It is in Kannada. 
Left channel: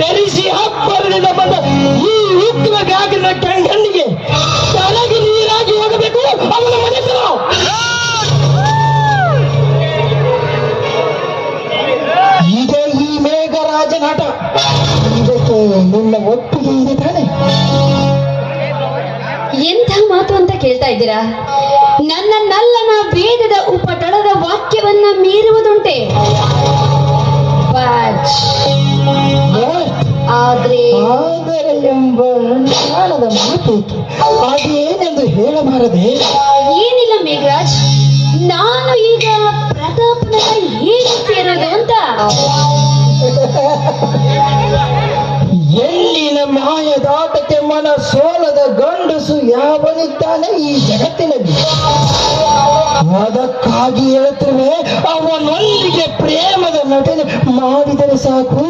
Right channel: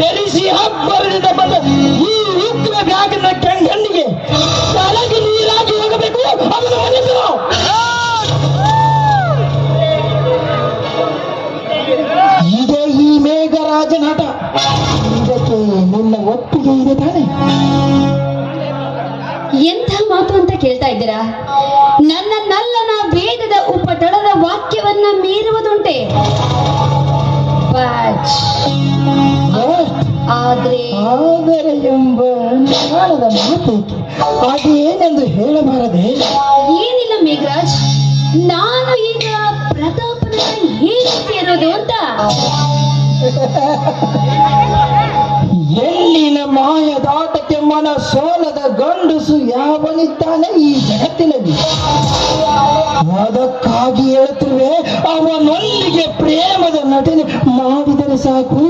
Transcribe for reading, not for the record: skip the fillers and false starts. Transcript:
ಬೆರೆಸಿ ಹಬ್ಬರದಿಂದ ಬಂದ ಈ ಉಕ್ಕಿನ ಬ್ಯಾಗಿನ ಗಂಡಿಗೆ ತಲೆಗೆ ನೀರಾಗಿ ಹೋಗಬೇಕು. ಅವನ ಮನೆಗೆ ಇದೇ ಈ ಮೇಘರಾಜನಾಟ. ಇದಕ್ಕೆ ನಿನ್ನ ಒಪ್ಪಿಗೆ ಇದೆ ತಾನೆ? ಎಂಥ ಮಾತು ಅಂತ ಕೇಳ್ತಾ ಇದ್ದೀರಾ? ನನ್ನನ್ನಲ್ಲನ ವೇದದ ಉಪಟಳದ ವಾಕ್ಯವನ್ನ ಮೀರುವುದುಂಟೆ. ಆದರೆ ಎಂಬ ಕಾರಣದ ಮಾತೇಕೆ? ಅದೇನೆಂದು ಹೇಳಬಾರದೆ? ಏನಿಲ್ಲ ಮೇಘರಾಜ್, ನಾನು ಈಗ ಪ್ರತಾಪನ ಹೇಗಿರೋದು ಅಂತ. ಎಲ್ಲಿನ ಮಾಯದಾಟಕ್ಕೆ ಮನ ಸೋಲದ ಗಂಡಸು ಯಾವನಿದ್ದಾನೆ ಈ ಜಗತ್ತಿನಲ್ಲಿ? ಅದಕ್ಕಾಗಿ ಹೇಳ್ತೇವೆ, ಅವನೊಂದಿಗೆ ಪ್ರೇಮದ ನಟನೆ ಮಾಡಿದರೆ ಸಾಕು.